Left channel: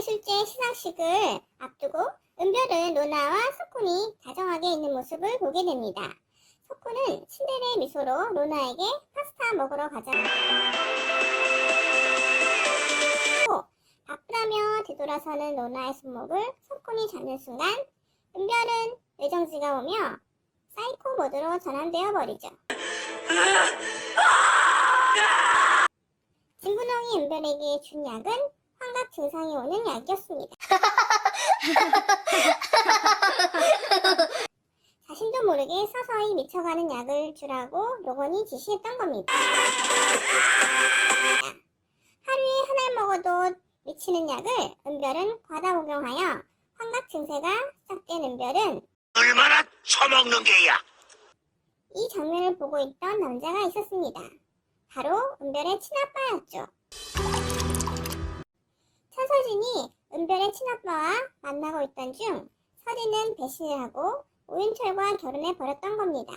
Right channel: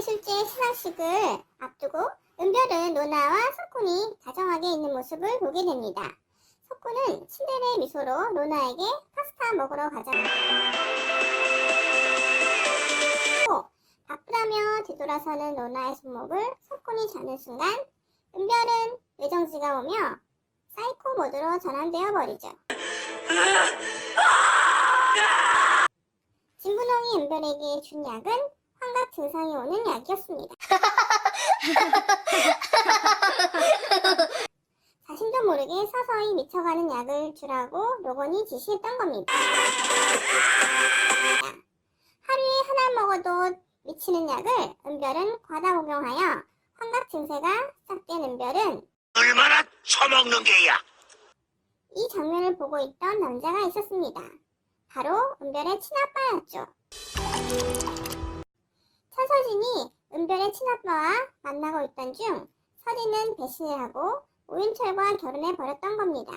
문화예술제 시상식을 앞두고 은별은 로나와 석훈이 다정하게 있는 모습을 보게 됩니다. 석훈은 친절의 미소로 로나에게 파스타 먹으러 가자. 바쁘다며 뒤돌아서는 로나의 손목을 석훈이 잡는 순간 은별은 의정지가 오며 사이코 모드로 전환되어 버리죠. 진분홍이 은별에게 준 약은 증상이 오는 약이었습니다. 자신도 모르게 서서히 미쳐가는 약을 주라고 로건이 지시했던 겁니다. 하루에 하나 먹어도 미치는 약을 은별은 과다 복용하여 환각 증세가 시작된 은별은 얼마나 처먹는 게야? 이 장면을 보고 있던 남자가 있었습니다. 바로 은별의 친아빠였죠. 천서진이 은별의 친아빠와 만나고 있던 중 서진은 배신을 하고 오윤철과 결혼해 버렸던 겁니다.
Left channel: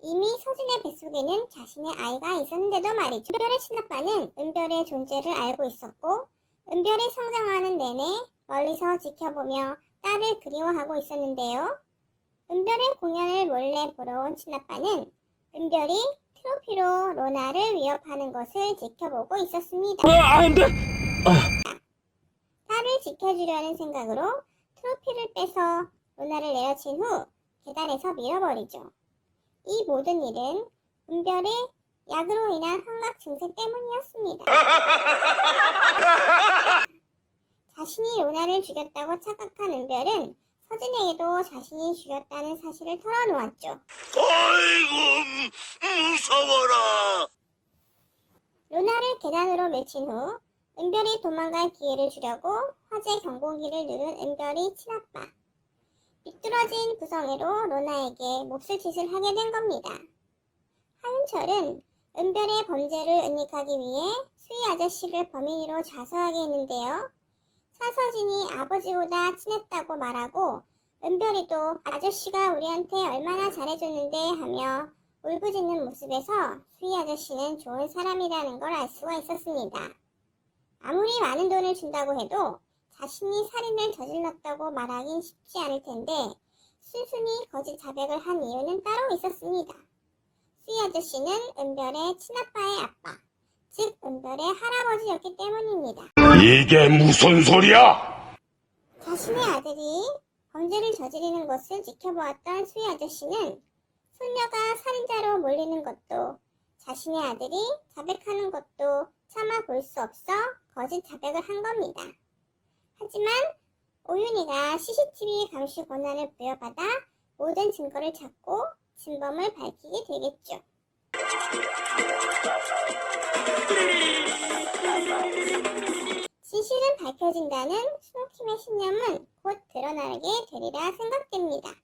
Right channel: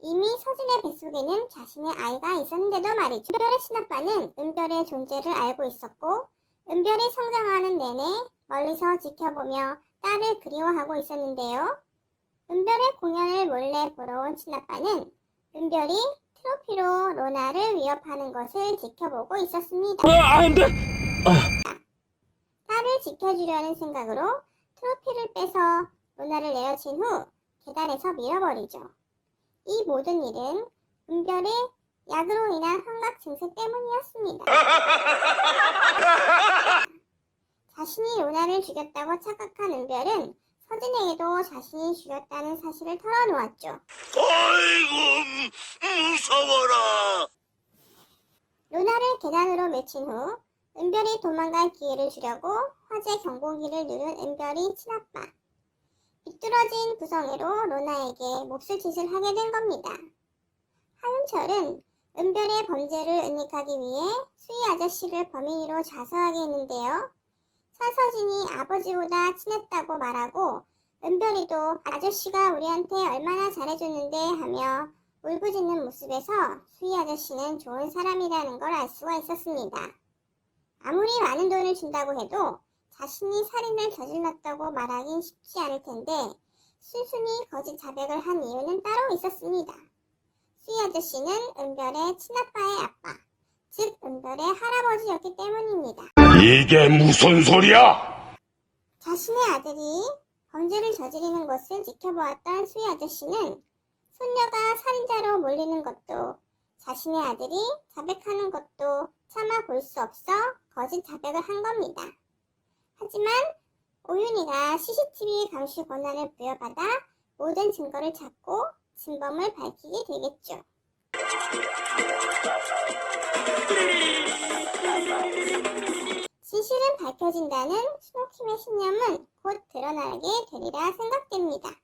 이미 서진의 뱃속에는 자신의 아이가 있었는데도 말이죠. 은별의 친아빠는 은별의 존재를 알고 있었고 은별이 성장하는 내내 멀리서 지켜보며 딸을 그리워하고 있었는데요. 은별의 공연을 몰래 보러 온 친아빠는 은별이 트로피로 로나를 위협하는 것을 지켜보고 있었습니다. 안 돼! 딸을 지켜주려는 생각으로 트로피를 빼서 로나를 내어친 후 계단에서 밀어버리죠. 이 모든 일은 은별의 약으로 인한 환각 증세 때문이었습니다. 자신이 로나를 죽였다고 착각한 은별은 서진에게도 자신이 죽였다는 사실을 털어놓았죠. 아이고, 무서워라! 로나를 계단으로 밀친 후 은별이 도망갈 기회를 주려고 화재 경보기를 누른 은별이 친아빠. 비뚤어진 구성애로 로나에게 몹쓸 짓을 하게 된 겁니다. 하윤철은 은별의 범죄를 은닉하기 위해 수희 아저씨를 범인으로 자수하게 했는데요. 사서진이 아버지보다 친했다고 말하고 은별이도 아저씨가 우리한테 얼마나 잘해줬는데 하며 울부짖는 모습에서 수희 아저씨는 좋은 사람이라는 걸 알 수가 있었습니다. 아무리 많은 돈을 준다고 해도 자신이 살인을 저질렀다고 말하긴 쉽지 않을 텐데 순순히 거짓 자백을 한 이유는 따로 있었습니다. 수희 아저씨는 은별의 친아빠의 아빠, 즉 은별의 할아버지였기 때문입니다. 이게 무슨 소리야? 자신의 아들이 범죄를 저지르는 것을 지켜보았던 수희 아저씨는 손녀가 살인자로 몰리는 것도 자신의 아들이 자백하는 것도 차마 볼수 없어 거짓 자백을 한 겁니다. 하지만 오윤이가 CCTV 감시 권한을 부여받아 모든 증거를 찾고 진범을 밝히게 되겠죠. 진실은 밝혀진다는 수목팀의 신념은 곧 드러나게 되리라 생각됩니다.